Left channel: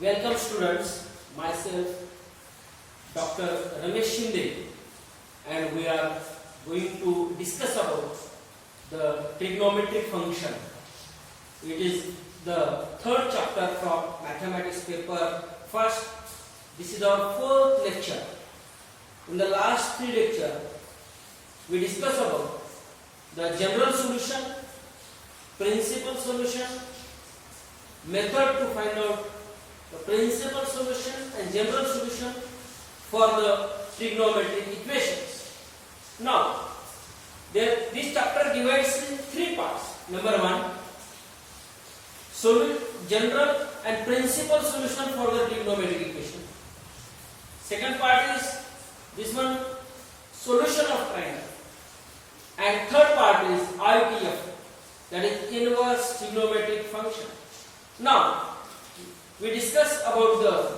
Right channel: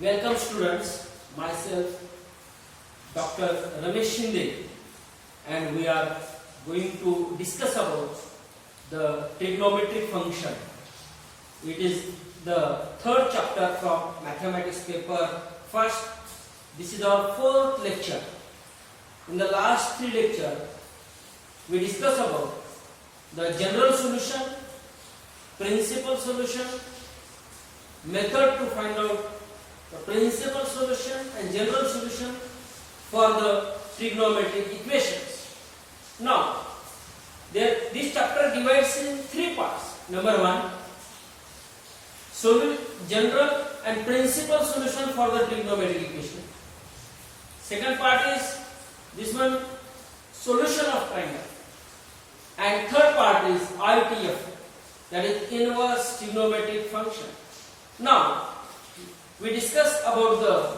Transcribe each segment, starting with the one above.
Welcome students, myself Dr. Ramesh Shinde, and we are going to discuss about the trigonometric function. It is the third chapter from mathematics paper first. This is our fourth lecture. In the last three lectures, we discussed about the general solution, principal solution, method to find out the principal solution and general solution for the trigonometric equations. Now, this chapter divides in three parts. Number one, general and principal solution for the trigonometric equation. Second part is this one, solution of triangle. And third part is ITF, that is inverse trigonometric function. Now, we discuss about the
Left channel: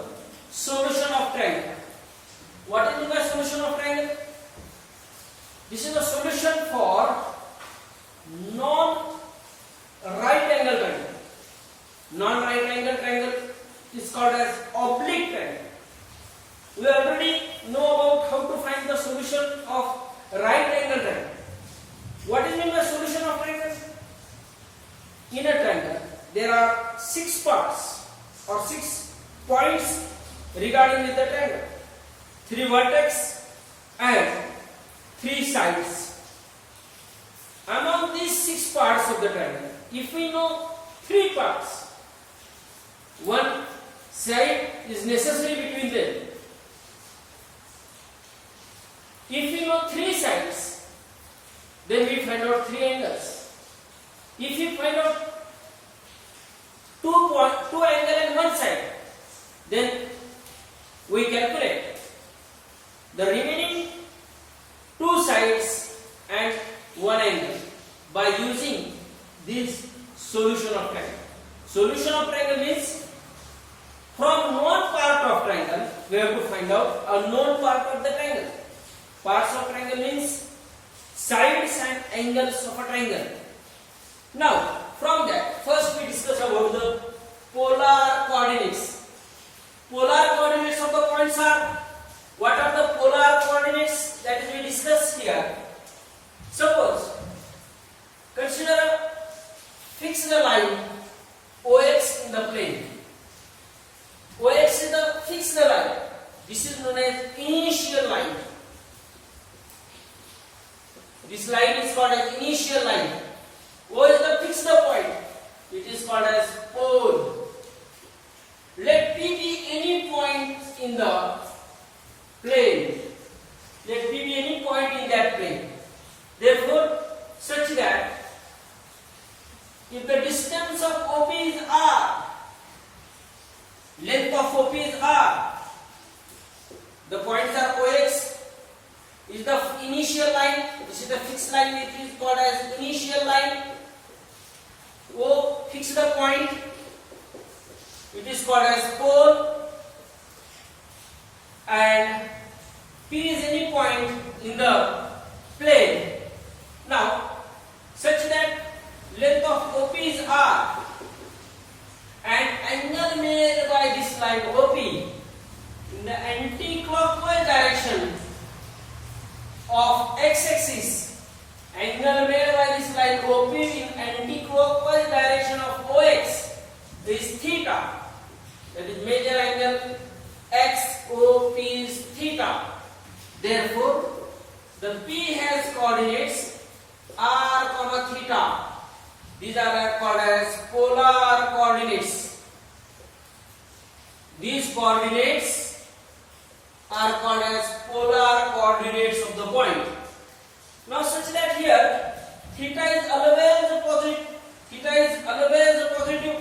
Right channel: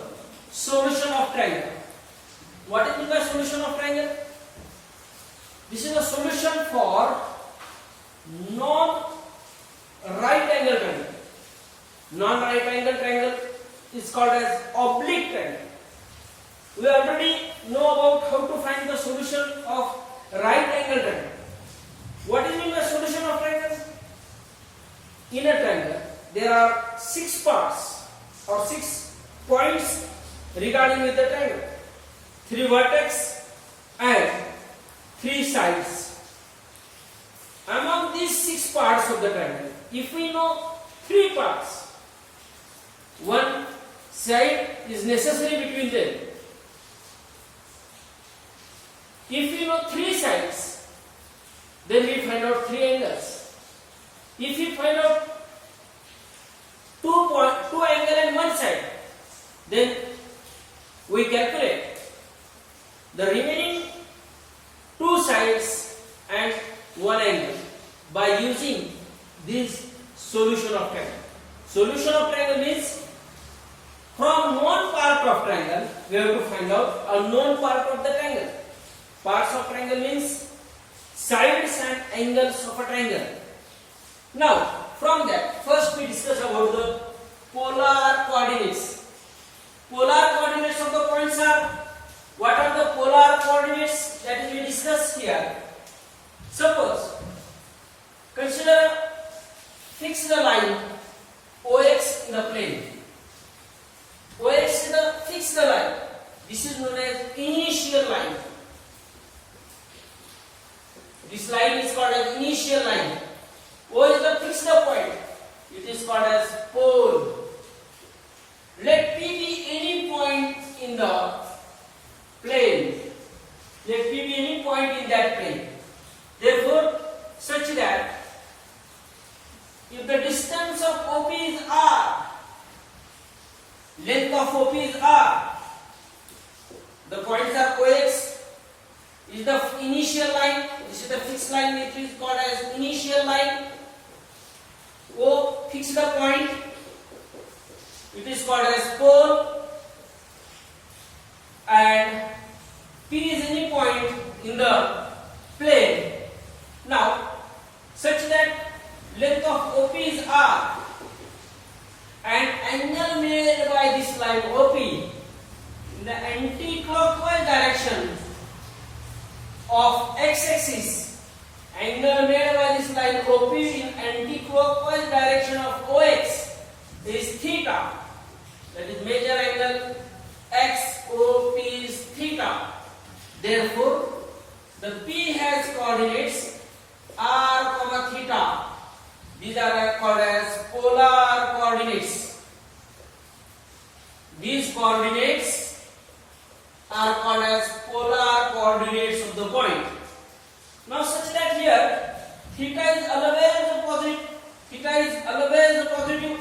solution of triangle. What is meant by solution of triangle? This is a solution for non-right angle triangle. Non-right angle triangle is called as oblique triangle. We already know about how to find the solution of right angle triangle. What is meant by solution of triangle? In a triangle, there are 6 parts or 6 points regarding with the triangle. 3 vertex and 3 sides. Among these 6 parts of the triangle, if we know 3 parts, 1 side is necessary between them. If we know 3 sides, then we find out 3 angles. If we find out 2 angle and 1 side, then we calculate the remaining 2 sides and 1 angle by using this solution of triangle. Solution of triangle means from known part of triangle we have to find out a known part of the triangle. Parts of triangle means sides and angles of a triangle. Now, from that, first we discuss about the polar coordinates. Polar coordinates of the points are, what are the polar coordinates? That is we discuss here. Suppose, fix the line OX in the plane. OX is the fix the line. This is known as initial line. This line is called as initial line. O is the fix the point. It is called as pole. Let P be any point in the plane. Let P be any point in that plane. Therefore, such that if the distance of OP is R, length of OP is R, the points are OX is the initial line. This is the fixed line which is called as initial line. O fix the point, it is called as pole, and P is any point in the plane. Now, such that length of OP is R and angle made by this line OP in the anti-clockwise direction of x-axis, angle made by this line OP in anti-clockwise direction of OX is theta. That is major angle XOP is theta. Therefore, the P has coordinates r, theta. These are called as polar coordinates. These coordinates are called as polar coordinates of the point. Now, such that here theta is always positive. Theta is always positive.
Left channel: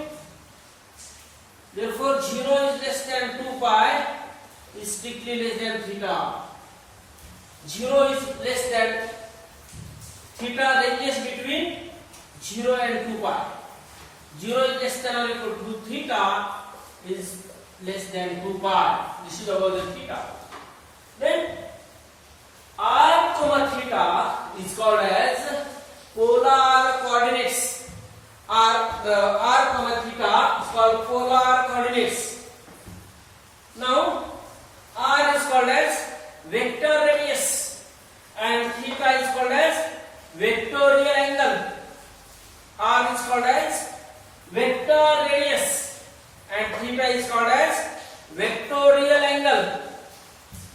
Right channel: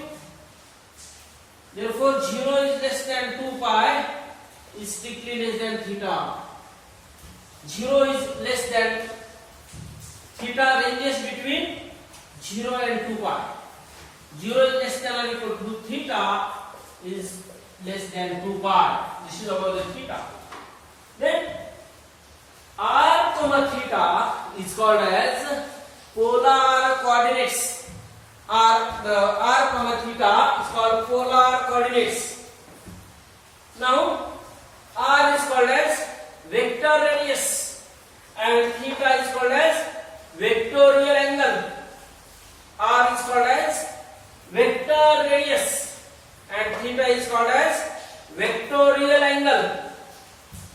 Therefore, 0 is less than 2 pi is strictly less than theta. 0 is less than theta ranges between 0 and 2 pi. 0 is less than or equal to theta is less than 2 pi. This is about the theta. Then r, theta is called as polar coordinates. The r, theta is called polar coordinates. Now r is called as vector radius and theta is called as vectorial angle. R is called as vector radius and theta is called as vectorial angle.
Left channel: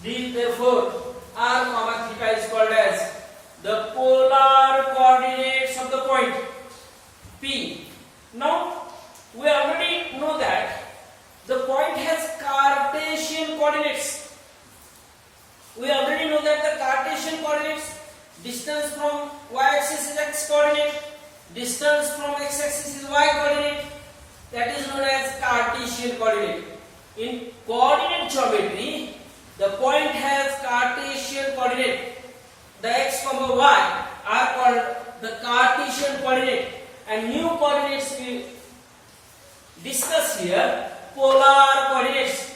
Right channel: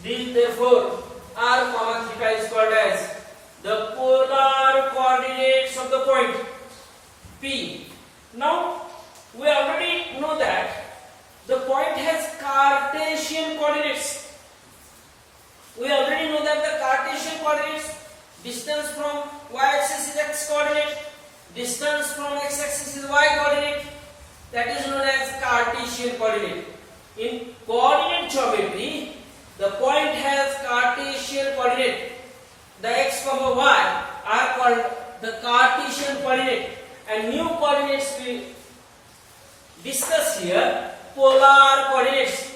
Therefore r comma theta is called as the polar coordinates of the point P. Now we already know that the point has Cartesian coordinates. We already know that the Cartesian coordinates, distance from y-axis is x coordinate, distance from x-axis is y coordinate, that is known as Cartesian coordinate. In coordinate geometry, the point has Cartesian coordinate. The x comma y are called the Cartesian coordinate, and new coordinates we discuss here, polar coordinates.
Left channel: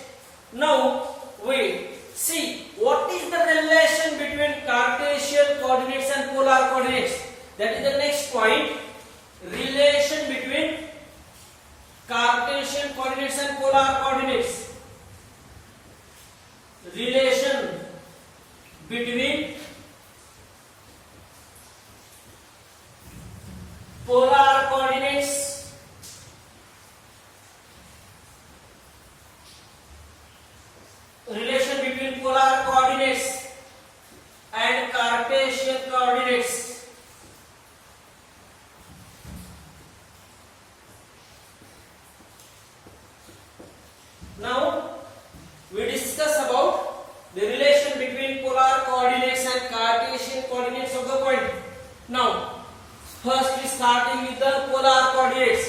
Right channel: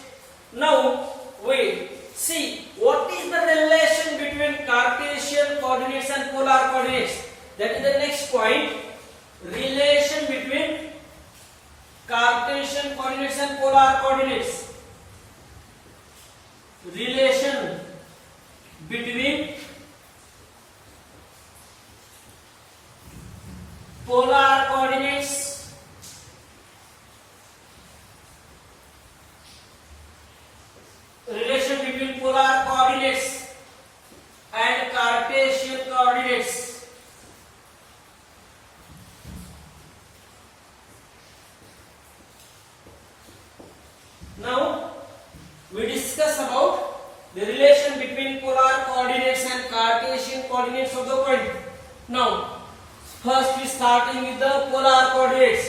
Now we see what is the relation between Cartesian coordinates and polar coordinates. That is the next point. Relation between Cartesian coordinates and polar coordinates. Relation between polar coordinates and Cartesian coordinates. Now we discuss about the relation between polar coordinates and Cartesian coordinates of the point. Now first we starting with the polar coordinates.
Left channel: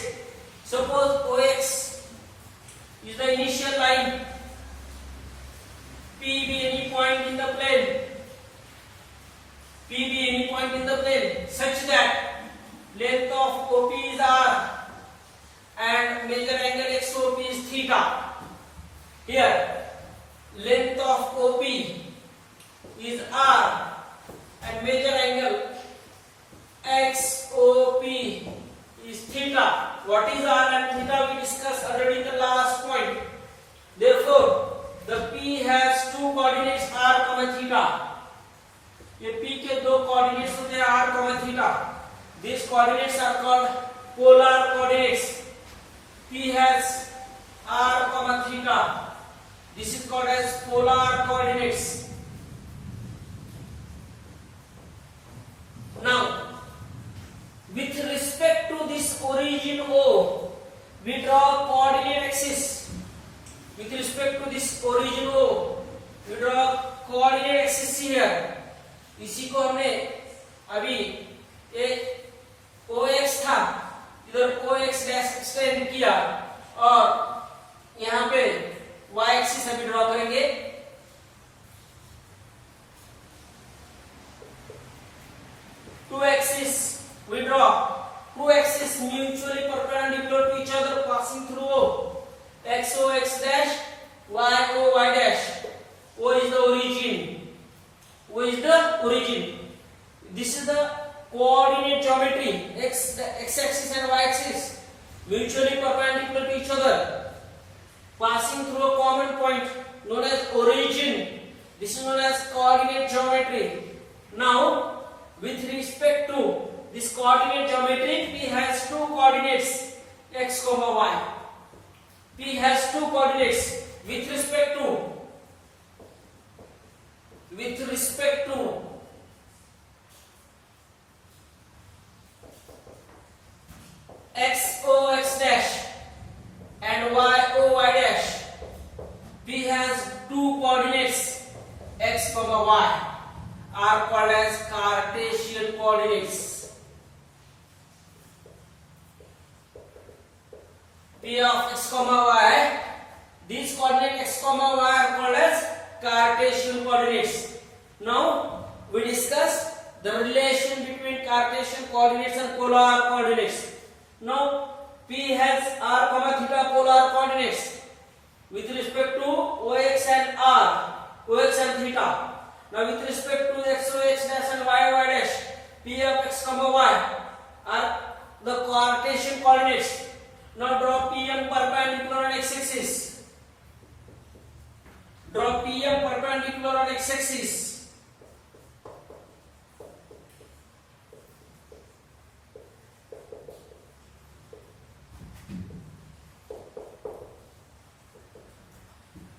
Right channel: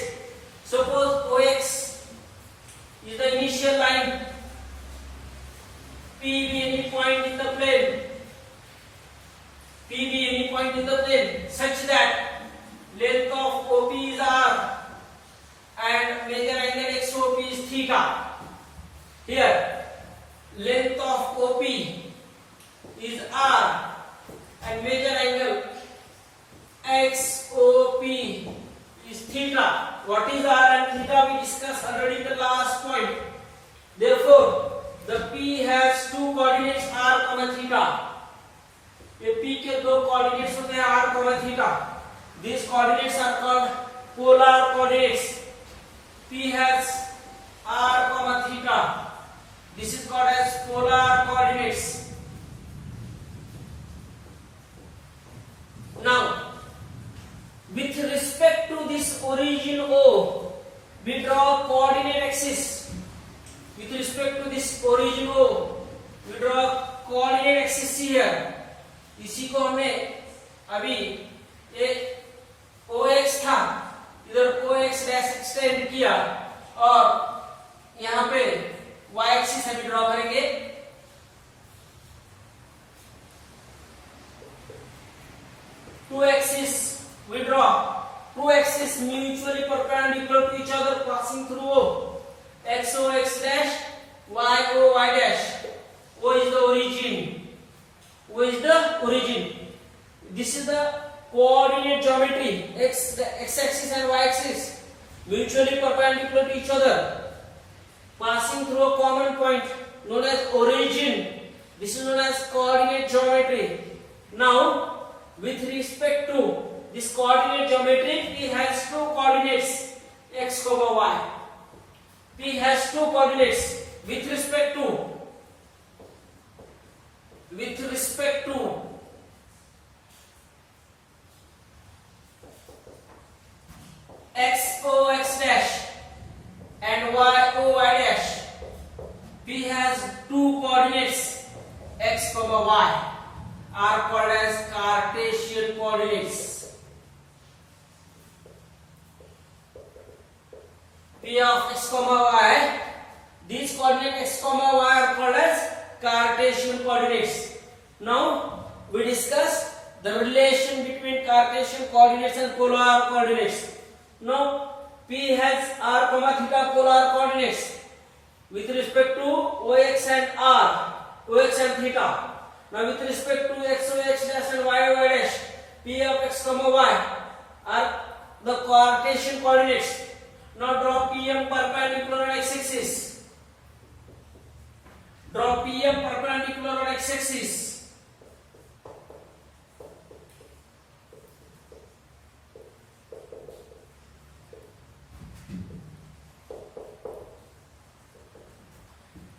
Suppose OX is the initial line, P be any point in the plane, such that length of OP is R and major angle XOP is theta. Here length of OP is R and major angle XOP is theta. What is R and theta we discussed already in the last point. Therefore the P has two coordinates R comma theta. ये P के दो coordinates होते हैं R comma theta. These coordinates are called polar coordinates. P has R comma theta. This is called as polar coordinates. Now with respect to this origin O, we draw coordinate axis. With respect to this origin O, we draw coordinate axis here. इसी को हमने अभी ये OX था, इधर OX dash extend किया और यहाँ पे Y एक्सिस अभी ड्रॉ करेंगे. Two axes we draw. Two axes mutually perpendicular to each other passing through O. XO X dash, YO Y dash. O is the origin. This is the coordinate geometry. X axis and Y axis mutually perpendicular to each other, passing through a common point known as origin. This is known as coordinate geometry. Now, with respect to this coordinate geometry, P has two coordinates x comma y. P has two coordinates with respect to x o x dash and y o y dash. P has two coordinates x comma y are called as Cartesian coordinates. P of x comma y, these coordinates x comma y are called as Cartesian coordinates. Now we discuss the relation between Cartesian coordinates and polar coordinates. Now P has r comma theta polar coordinates with respect to OX and R, OX and theta. Now with respect to x o x dash and y y dash, P of x comma y are the Cartesian coordinates. Now draw PM perpendicular on x axis. Draw PM perpendicular on x axis.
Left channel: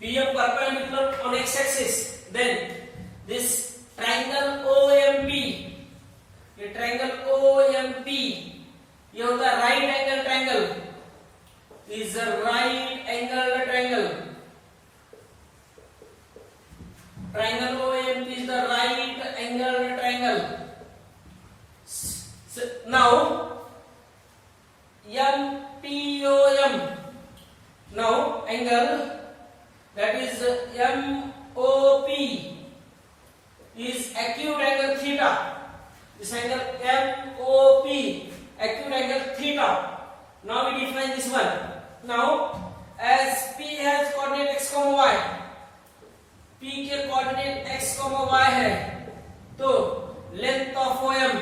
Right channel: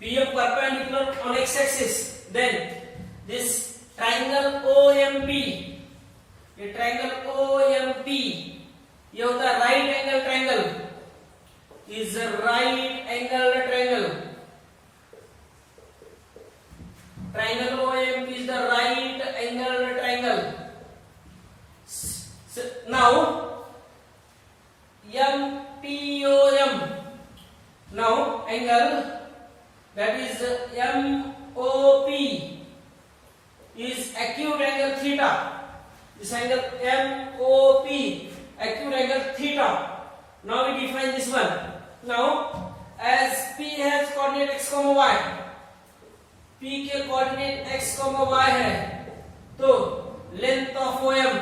PM perpendicular on x axis, then this triangle OMP, ये triangle OMP ये होता है right angle triangle, is a right angle triangle. Triangle OMP is the right angle triangle. So now MPOM, now angle that is MOP is acute angle theta. This angle MOP, acute angle theta. Now we define this one. Now as P has coordinate x, y, P के coordinate x, y है, तो length of OM,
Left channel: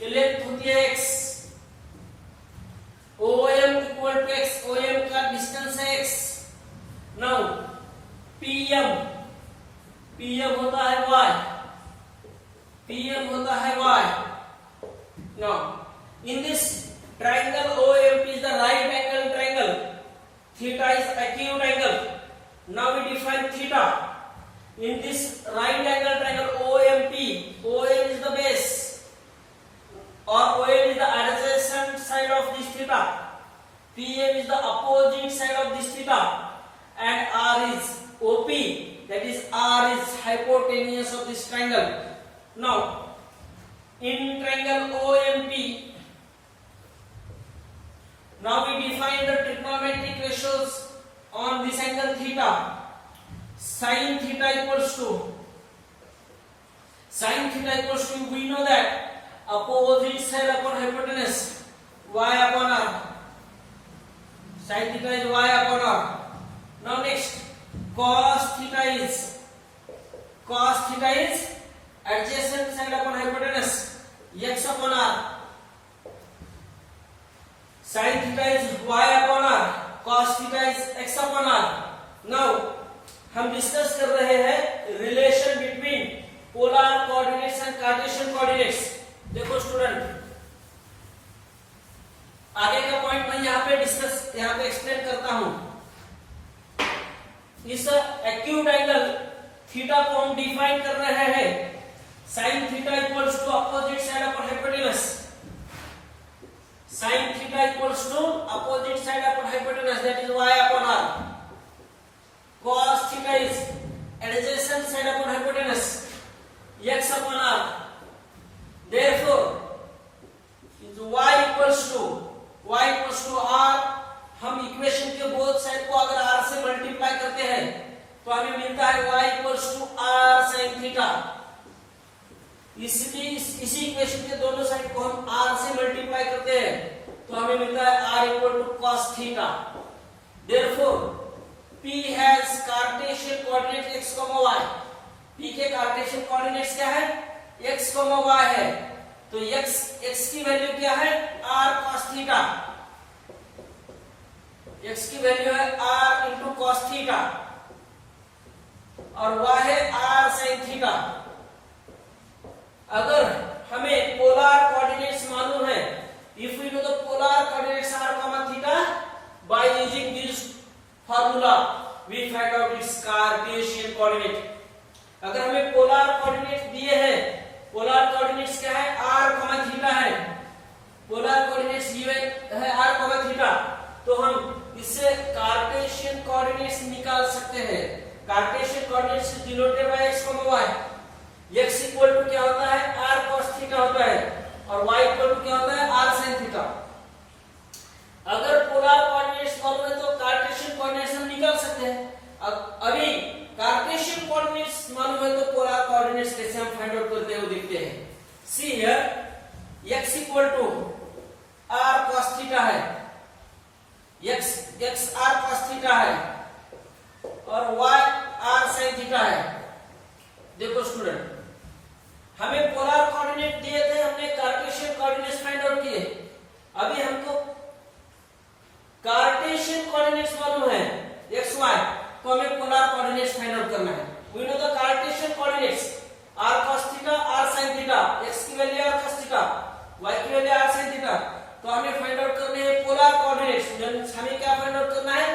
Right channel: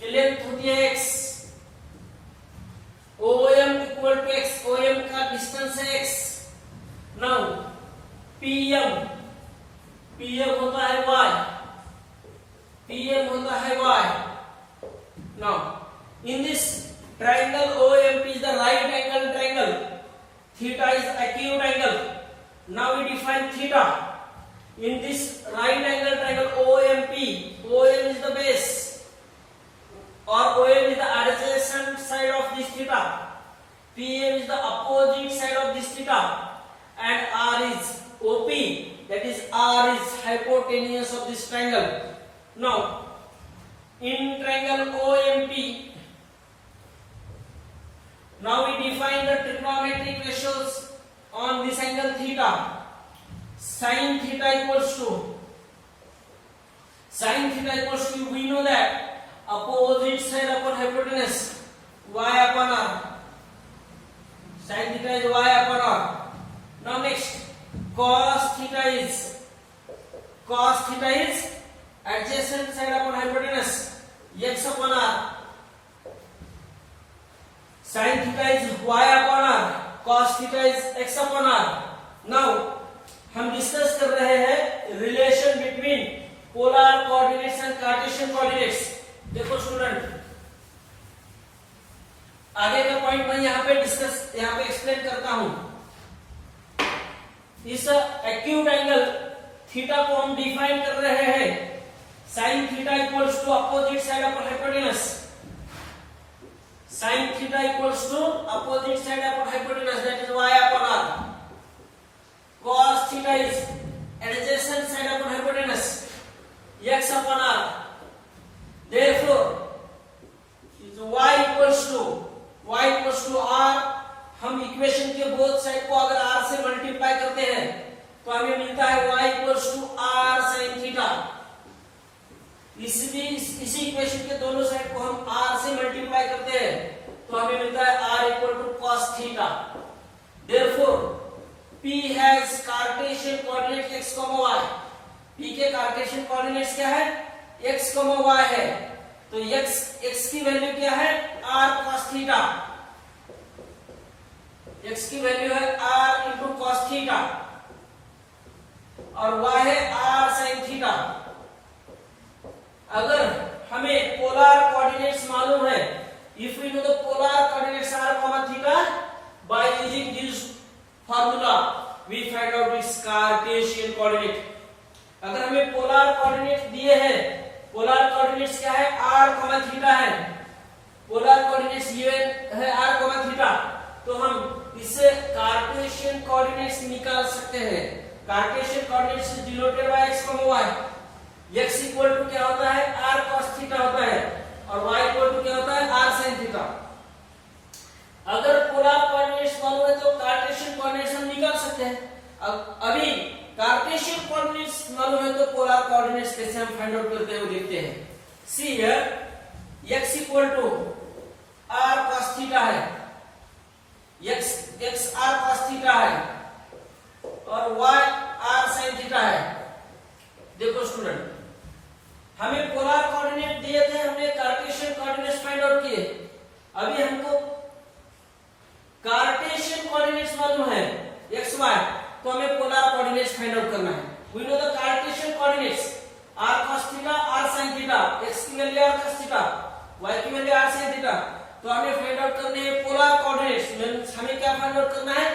ये length होती है x, OM equal to x, OM का distance है x. Now PM होता है y, PM होता है y. Now in this triangle OMP is the right angle triangle, theta is acute angle. Now we define theta. In this right angle triangle OMP, OM is the base or OM is the adjacent side of this theta, PM is the opposite side of this theta, and R is OP, that is R is hypotenuse of this triangle. Now in triangle OMP, now we define the trigonometric ratios on this angle theta. Sin theta equals to, we know that opposite side upon hypotenuse, y upon r. Sin theta is y upon r. Now next, cos theta is adjacent side upon hypotenuse, x upon r. Sin theta is y upon r, cos theta is x upon r. Now हम discuss कर रहे हैं relation between polar coordinates and Cartesian coordinates. देखो student, आगे का point मैं यहाँ पे एक्सप्लेन करता हूं. इस एक्यूट एंगल थीटा को हम डिफाइन कर रहे हैं. sin theta equals to opposite side upon hypotenuse. sin theta equals to opposite side upon hypotenuse, that is y upon r. Cos theta is adjacent side upon hypotenuse, x upon r. Therefore is y equals to r. हम equation के both side को अगर r से multiply करते हैं तो हमें मिलता है y equals to r sin theta. इसी इक्वेशन के दोनों साइड को हम r से मल्टीप्लाई करते हैं तो हमें मिलता है r equal to cos theta. Therefore P has Cartesian coordinate x, y. P के Cartesian coordinates क्या है? x, y है. तो x की वैल्यू क्या है? r cos theta. x की वैल्यू है r into cos theta और y है r sin theta. अगर हमें पोलर कोऑर्डिनेट्स मालूम है, if we know the polar coordinates r, theta, by using this formula we find out its Cartesian coordinate. अगर हमें पोलर कोऑर्डिनेट्स दिए हैं, पोलर कोऑर्डिनेट्स क्या है? r, थीटा है. पोलर कोऑर्डिनेट्स ये है r, थीटा. तो हम इससे कार्टेशियन कोऑर्डिनेट्स निकाल सकते हैं. Cartesian coordinates denoted by x, y. x equal to क्या होता है? r cos थीटा होता है और y इक्वल टू क्या होता है? r sin theta. अगर पोलर कोऑर्डिनेट्स मालूम है तो कार्टेशियन कोऑर्डिनेट्स हम निकाल सकते हैं. अभी कार्टेशियन कोऑर्डिनेट्स मालूम है तो पोलर कोऑर्डिनेट्स कैसे हम फाइंड आउट करते हैं वो देखते हैं. See here x equal to r cos theta है, x r cos थीटा है और y r sin थीटा है. देखो स्टूडेंट, हमें पोलर कोऑर्डिनेट दिए थे, हमने कार्टेशियन कोऑर्डिनेट्स फाइंड आउट किए. अभी हमको कार्टेशियन कोऑर्डिनेट्स मालूम है x y, तो तो हमें पोलर कोऑर्डिनेट्स फाइंड आउट करना है। We know the Cartesian coordinates r cos theta r sin theta, x की value r cos theta, y की वैल्यू r sin थीटा। तो हमें फाइंड आउट करने हैं पोलर कोऑर्डिनेट्स। हमें क्या फाइंड आउट करना है?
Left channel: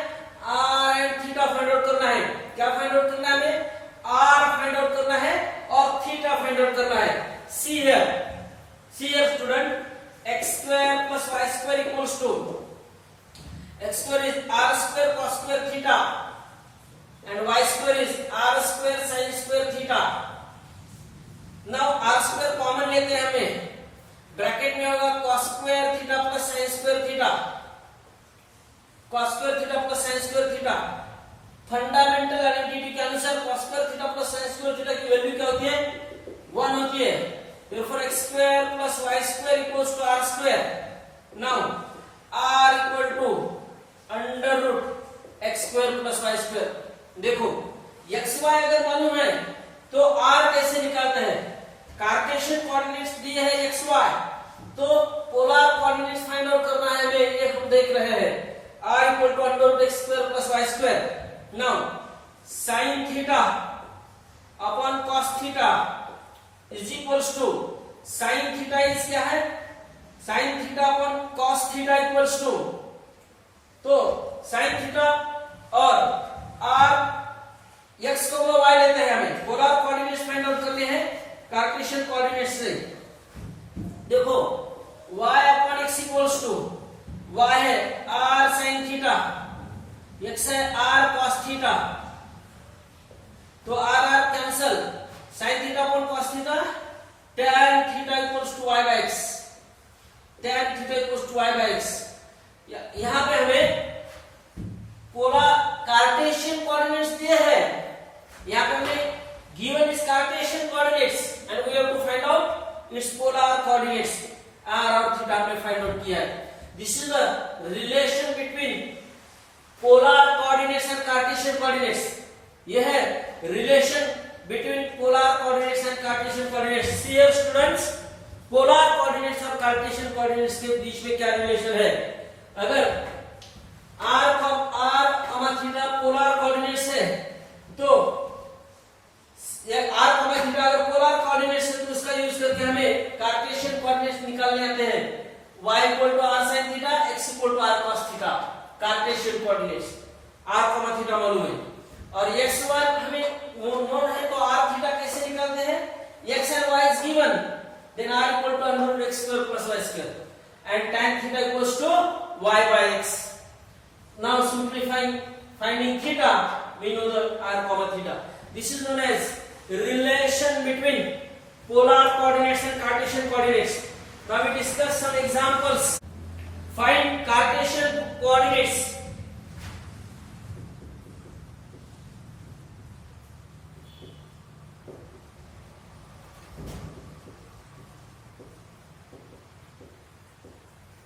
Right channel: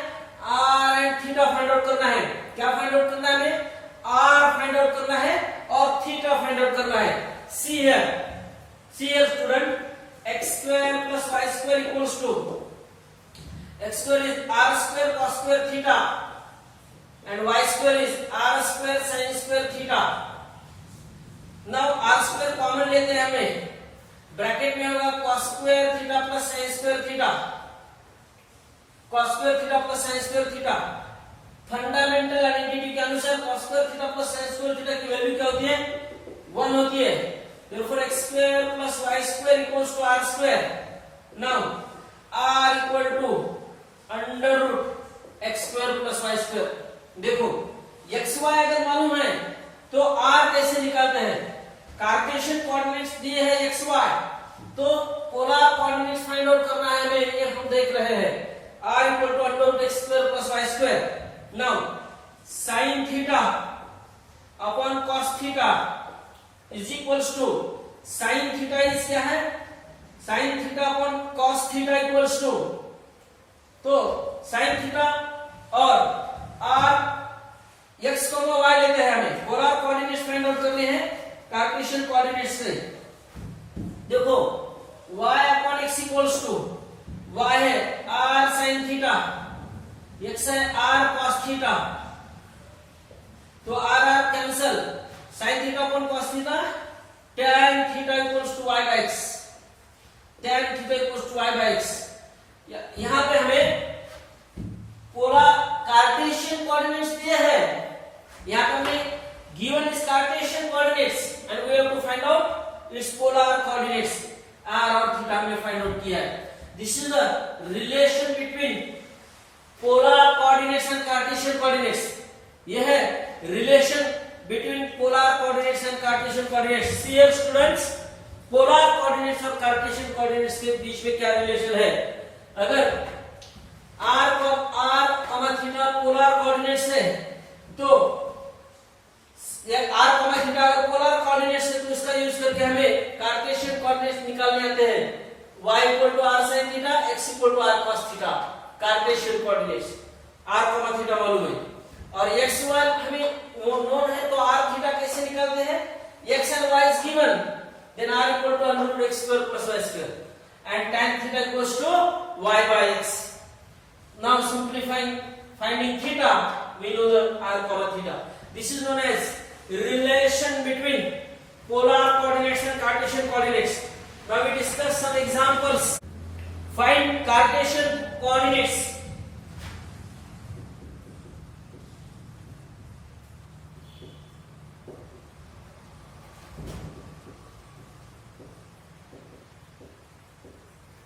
r and theta find out करना है। क्या फाइंड आउट करना है हमें? r फाइंड आउट करना है और थीटा फाइंड आउट करना है। See here student, x square plus y square equals to x square is r square cos square theta and y square is r square sin square theta. Now r square common लेते हैं हमें, bracket में होगा cos square theta plus sin square theta, cos square theta plus sin square theta। Fundamental identity के अनुसार cos square theta plus sin square theta की value क्या होती है? 1 होती है। Therefore x square plus y square equals to r square. Now r equal to under root x square plus y square। देखो x y अगर मालूम है तो r कैसे निकालते हैं? कार्टेशियन कोऑर्डिनेट्स दिए हैं x y, तो पोलर कोऑर्डिनेट्स फाइंड आउट करना है हमें, ये हम देख रहे हैं। r equal to under root x square plus y square। Now sin theta upon cos theta is equals to sin theta is क्या है? sin theta upon cos theta equals to, तो sin theta और r x को y लेते हैं, हमें polar coordinates find out करने हैं कार्टेशियन कोऑर्डिनेट्स से। देखो y upon x equals to, y है r sin theta, x है r cos theta, तो r r cancel, sin theta upon cos theta, tan theta equals to y by x, tan theta equals to y by x। यहां पे हमें polar Cartesian coordinates दिए हैं, यहां पे हमें given is cartesian coordinates and we have to find out its polar coordinates, r और theta हमने फाइंड आउट किया है। This is the relation between polar coordinates and cartesian coordinates। यह है relation between polar coordinates and cartesian coordinates। See here students, polar coordinates और cartesian coordinates के बीच में क्या रिलेशन है? अगर r थीटा पोलर कोऑर्डिनेट्स है तो r थीटा अगर पोलर कोऑर्डिनेट्स है तो उसका यूज करके हमें कार्टेशियन कोऑर्डिनेट्स निकालने आते हैं। y equal to r sin theta, x equal to r cos theta, Cartesian coordinates. r theta मालूम है और x y हमें नोन है, तो r थीटा कैसे निकालते हैं? x and y is given, then r equal to under root x square plus y square and tan theta equals to y by x। Now simplifying, finding theta, we know the r theta। This is known as relation between polar coordinates and Cartesian coordinates। Now we discuss some examples। Find Cartesian coordinates।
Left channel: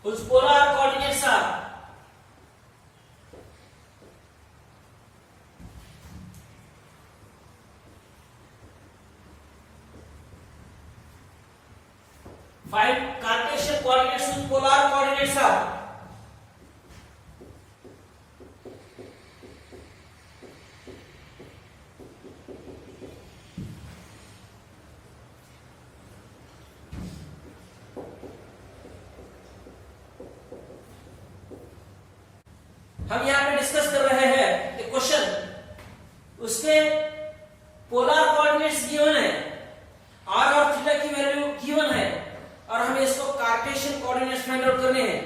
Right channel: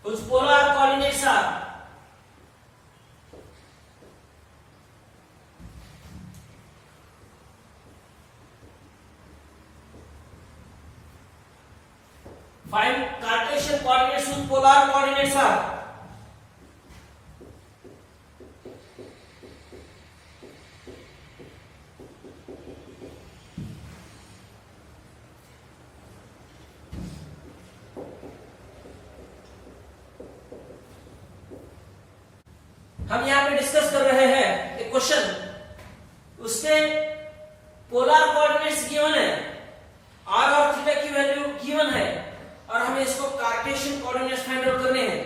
Whose polar coordinates are find Cartesian coordinates whose polar coordinates are हम यहां पे discuss कर रहे हैं एक question, उसके polar coordinates given है, r और थीटा की वैल्यू गिवन है और हमें इसको कार्टेशियन कोऑर्डिनेट्स फाइंड आउट करने हैं।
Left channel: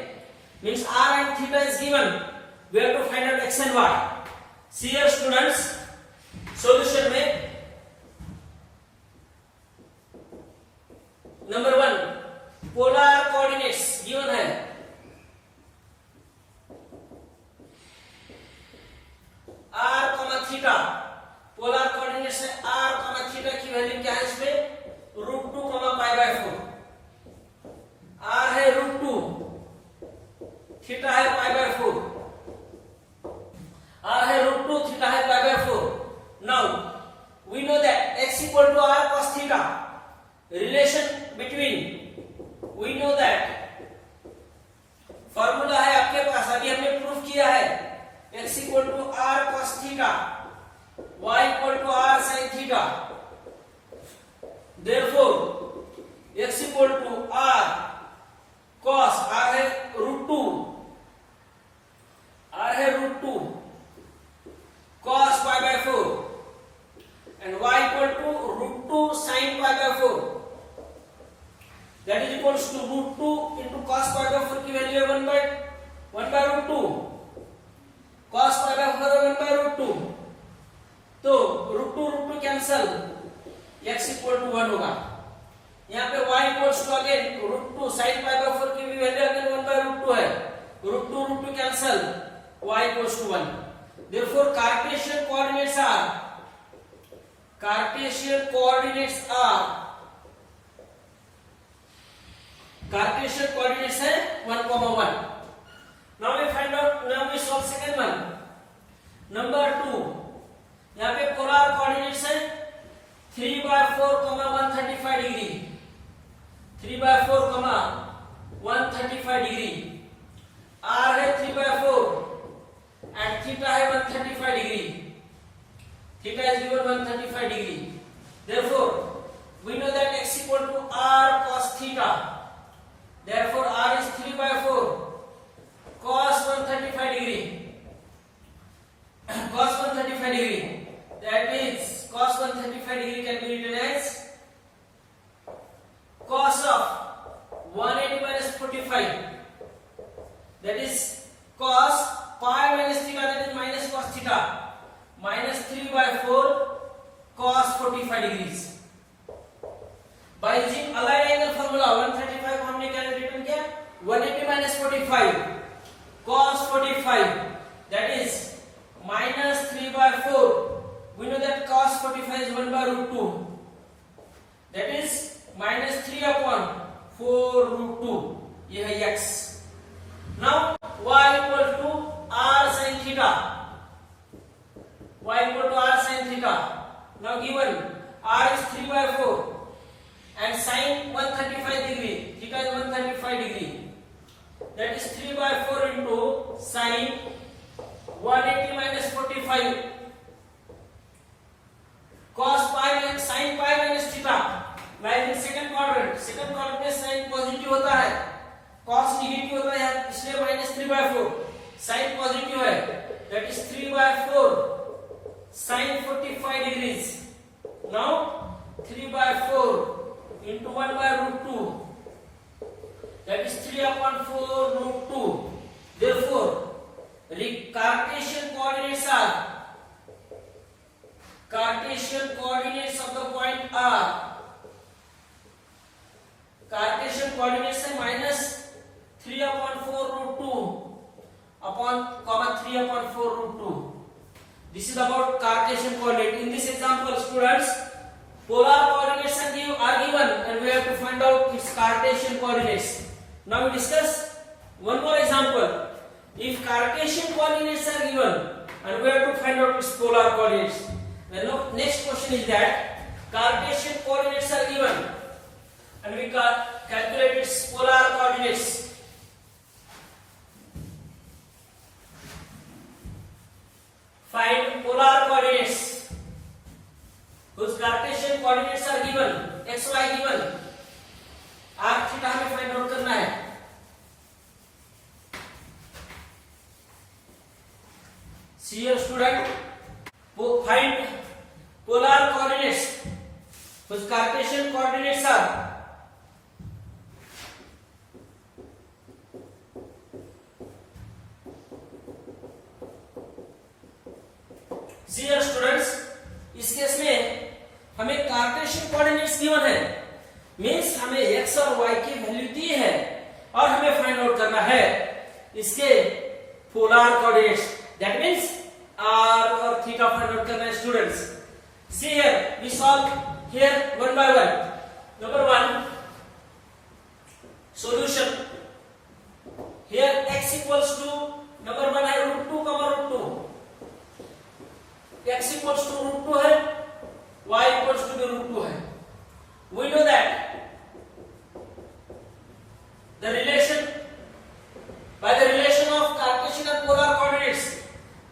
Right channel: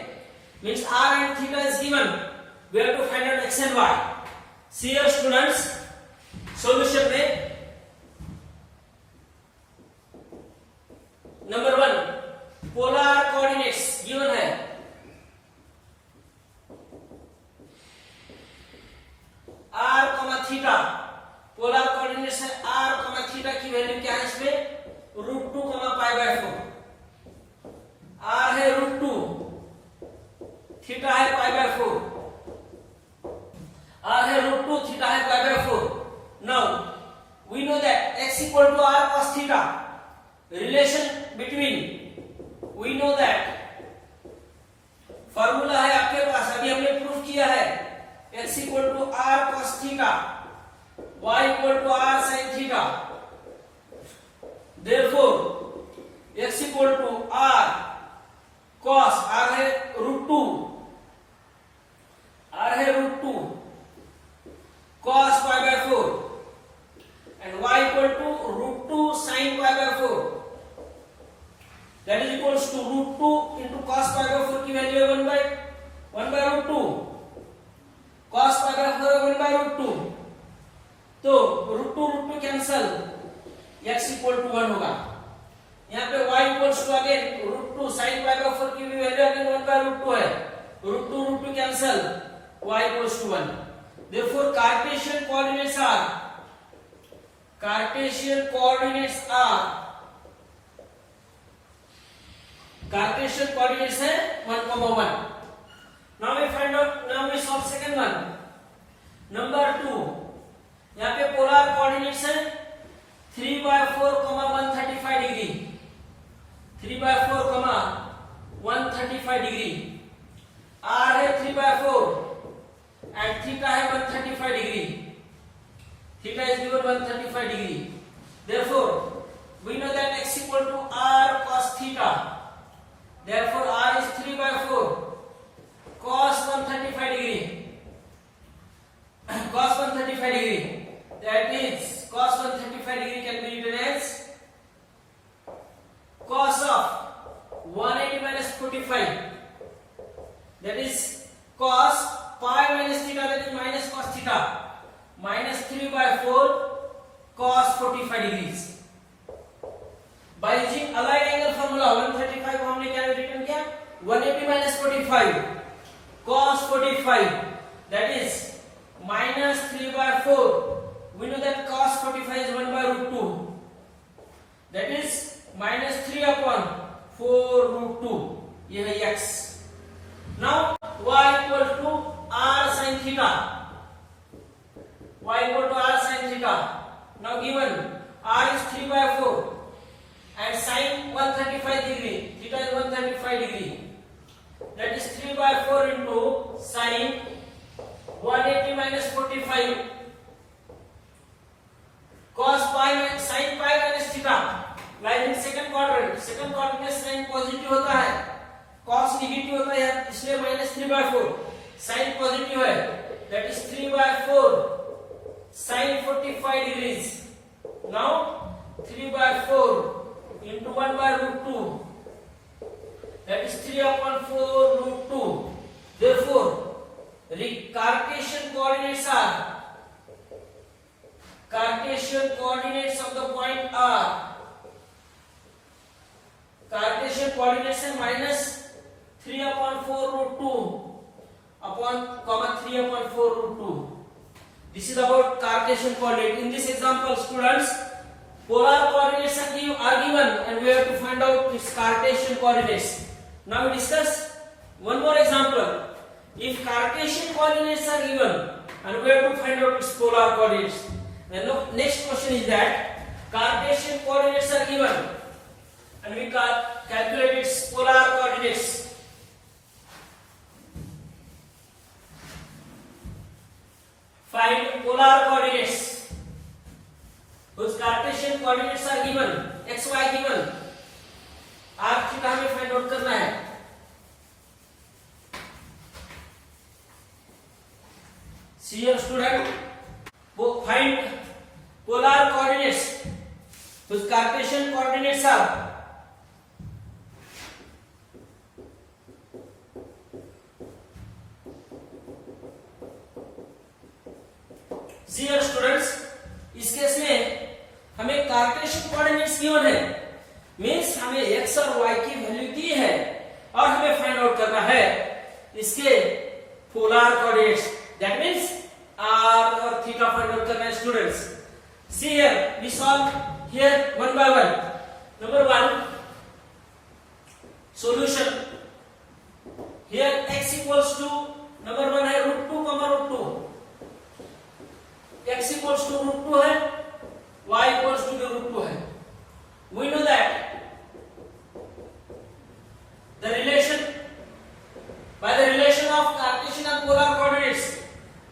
Means r and theta is given, we have to find out x and y। See here students, solution में नंबर 1 पोलर कोऑर्डिनेट्स गिवन है, r, थीटा, पोलर कोऑर्डिनेट्स है r, theta की value क्या है इसमें? √2, π/4। r है √2, थीटा है π/4, r है √2, थीटा है π/4। Now we know that x equal to r cos theta, relation between, we know that formula है आपके पास, अभी हमने प्रूफ किया है, x equal to r cos theta y equal to r sin theta. Therefore x equal to r cos, r है √2, r है √2 cos pi by 4 and y equal to √2 sin pi by 4. That is equals to √2 into cos pi by 4 की value है 1 by √2, cos pi by 4 है 1 by √2, तो √2 cancel, x equal to 1 होगा. यहाँ पे y equals to again √2 sin pi by 4 की भी value again 1 by √2 है, √2 cancel, y equals to 1. Therefore Cartesian coordinates are Cartesian coordinates है 1, 1. Now we find out, now we solve second one. Number 2. यहाँ पे polar coordinates है 3 by 4, 135 degree, 3 by 4, 135 degree. R है 3 by 4 and theta है 135 degree. Theta is given 135 degree. Therefore, we know that x equal to r cos theta. Therefore, r is 3 by 4 cos 135 degree. Cos 135 degree. That is cos 135 degree can be written as cos of 180 minus 45. That is cos pi minus theta. That is minus cos theta. Minus 3 by 4 cos 45 degrees. By using aligned angle formula 135 को हमने क्या return किया 180 minus 45 cos 45, that is minus 3 by 4. We know that cos 45 is 1 by √2, that is minus 3 upon 4 √2. ये है x. Now y equal to r sin theta. Y equal to r sin theta. Now given r is 3 by 4 and sin 135 degree, theta is 135 degree. That is 3 by 4 into sin 180 minus 45 cos pi minus sin pi minus theta. Like in second quadrant में sin positive होता है, cos negative होता है, इसलिए minus 3 by 4. sin positive है, that is 3 by 4 sin 45 degrees. Now 3 by 4 into 1 by √2, that is 3 upon 4 √2. Therefore Cartesian coordinates of the point R. Cartesian coordinates है minus 3 upon 4 √2 upon 3 upon 4 √2. This is about Cartesian coordinate. In this example, students, polar coordinates are given and we have to find out its Cartesian coordinates. Now we discuss one more example. If Cartesian coordinates are given and we have to find out its polar coordinates. The next question is that Cartesian coordinates are given and we calculate its polar coordinates. Find polar coordinates whose Cartesian coordinates are given, x y given. r theta हमें find out करना है. See here student, find polar coordinates whose Cartesian coordinates are See here students, इस case में हमें Cartesian coordinates given है, means हमें x और y की वैल्यू दी है और हमें फाइंड आउट करना है इसके polar coordinates. That means r और थीटा फाइंड आउट करना है students. See here, we solve here one by one. Number 1 solution. Here x equals to number 1 है √2, √2. x equals to √2 है, y equals to √2 है. We know that the relation by the relation of Cartesian and polar coordinates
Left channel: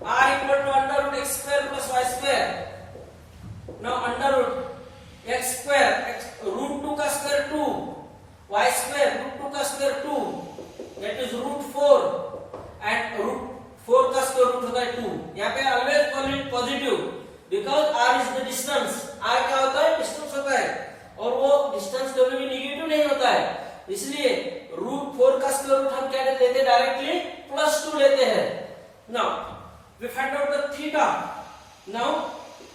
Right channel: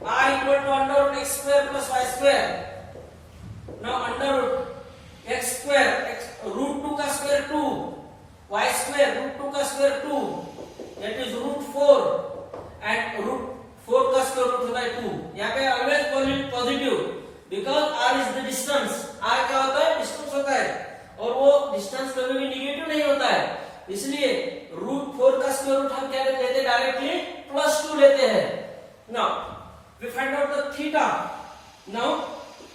r equal to under root x square plus y square. यहाँ पे always positive, because r is the distance. r क्या होता है? Distance होता है, और वो distance कभी भी निगेटिव नहीं होता है, इसलिए √4 का स्क्वायर रूट हम क्या लेते हैं? डायरेक्टली +2 लेते हैं। Now we find out the theta. Now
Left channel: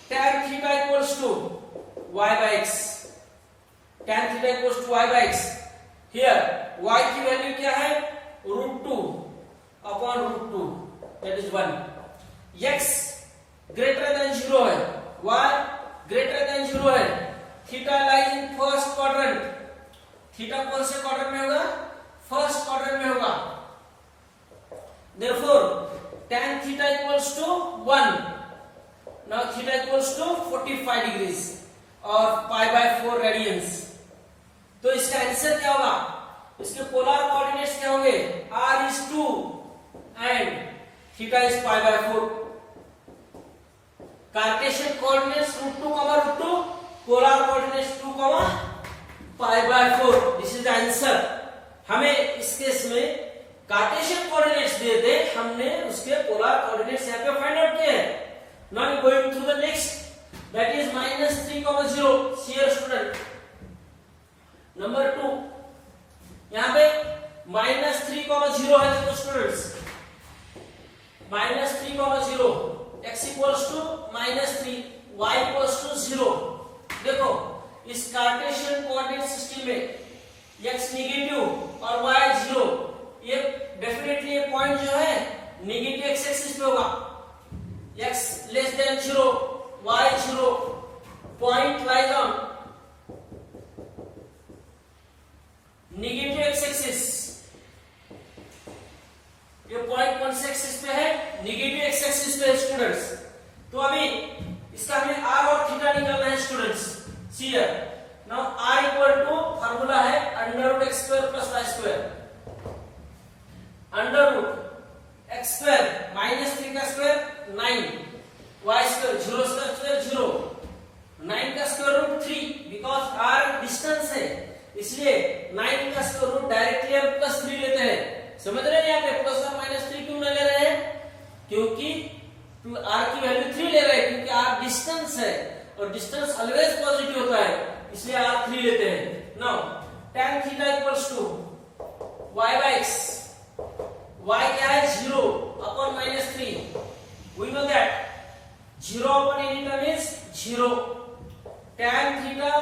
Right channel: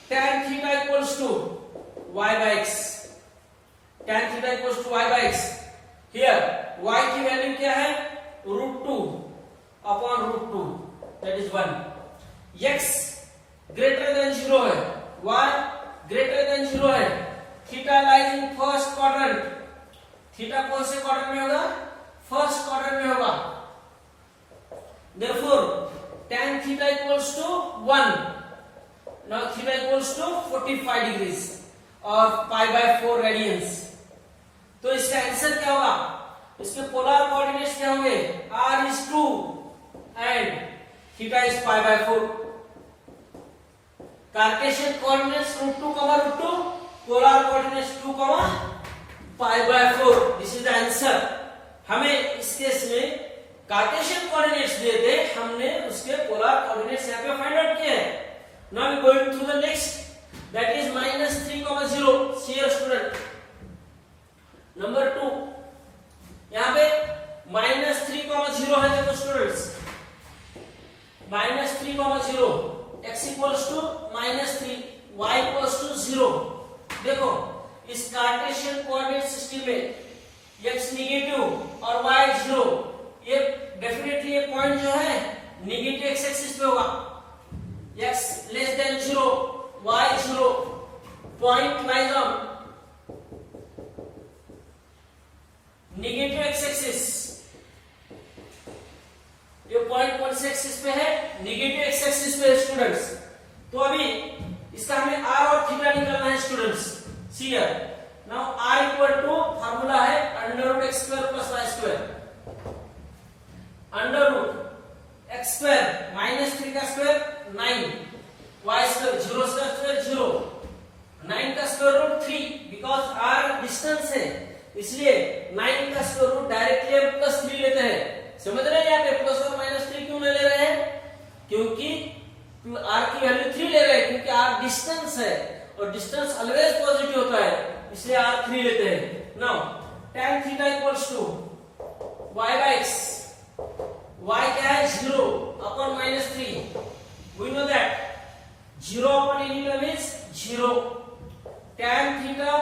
tan theta equals to y by x, tan theta equals to y by x। Here y की वैल्यू क्या है? √2 upon √2, that is 1। x greater than 0 है, y greater than 0 है, theta lies in first quadrant. Theta कौन से quadrant में होगा? First quadrant में होगा। Therefore tan theta equals to 1. Now theta equals to 45 degrees और pi by 4 radians। तो इसका आंसर क्या होगा? इसके पोलर कोऑर्डिनेट्स क्या होंगे? r is 2 and theta is pi by 4। Cartesian coordinates √2, √2, polar coordinates 2, pi by 4। This is the answer. हमें इस केस में कार्टेशियन कोऑर्डिनेट्स दिए थे, हमने उसके पोलर कोऑर्डिनेट्स यहाँ पे फाइंड आउट किए हैं। Now we going through the next, that is -3, 0। Here student number 2, यहाँ पे -3, 0 है। देखो students, -3, 0, x equals to -3, y equals to 0। देखो इस कार्टेशियन कोऑर्डिनेट सिस्टम में x नेगेटिव और y 0, ये डेफिनेटली ये पॉइंट जो है नेगेटिव x एक्सिस पे होगा। x less than 0, y 0, point lies on negative x axis. ये पॉइंट कौन से एक्सिस पे है? नेगेटिव x एक्सिस पे स्टूडेंट्स। तो अभी इसका हमें r और थीटा निकालना है students. See here. Now r equal to formula है √x square plus y square। √x square -3 का स्क्वायर 9, y square 0 का स्क्वायर 0, 9 का square root 3, because r distance है इसलिए 9 का स्क्वायर रूट डायरेक्टली हम +3 लेते हैं। समझ रहे हैं? यहाँ पे प्लस और -3 क्यों नहीं ले रहे हैं? क्योंकि r की वैल्यू 3 ले रहे हैं, क्योंकि r डिस्टेंस है और डिस्टेंस ऑलवेज पॉजिटिव होता है, इसलिए r 3 लेते हैं। नाउ tan theta equals to y by x। y क्या है? 0 upon -3। We know that 0 upon any term is 0। tan theta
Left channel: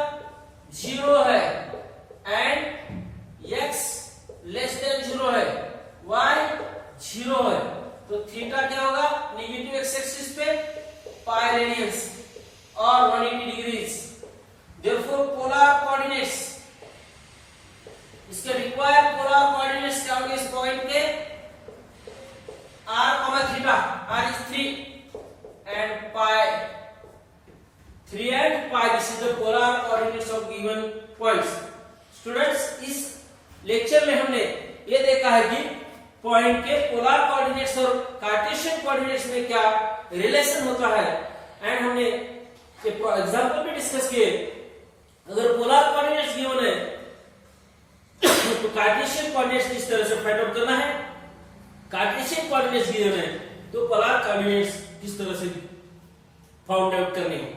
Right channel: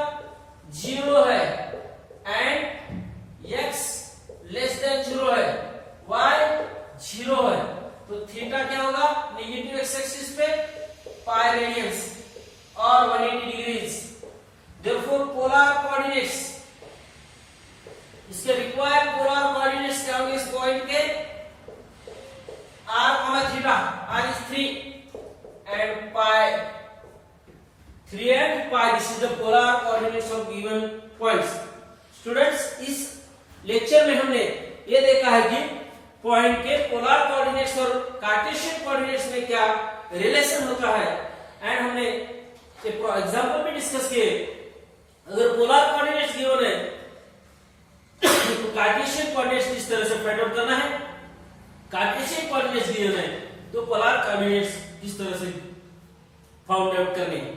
0 है एंड x लेस देन 0 है, y 0 है, तो थीटा क्या होगा? नेगेटिव x एक्सिस पे pi रेडियंस और 180 डिग्रीज। Therefore polar coordinates, इसके रिक्वायर्ड पोलर कोऑर्डिनेट्स क्या होंगे इस पॉइंट के? r, theta, r is 3 and pi, 3 and pi। This is the polar coordinates of given points। Students इस लेक्चर में हमने ये देखा है कि पॉइंट के पोलर कोऑर्डिनेट्स और कार्टेशियन कोऑर्डिनेट्स में क्या रिलेशन होता है, एंड हमने एग्जाम्पल भी डिस्कस किए। अगर पोलर कोऑर्डिनेट्स गिवन है तो कार्टेशियन कोऑर्डिनेट्स इस तरह से फाइंड आउट करना है, कार्टेशियन कोऑर्डिनेट्स गिवन है तो पोलर कोऑर्डिनेट्स इस तरह से फाइंड आउट करने हैं।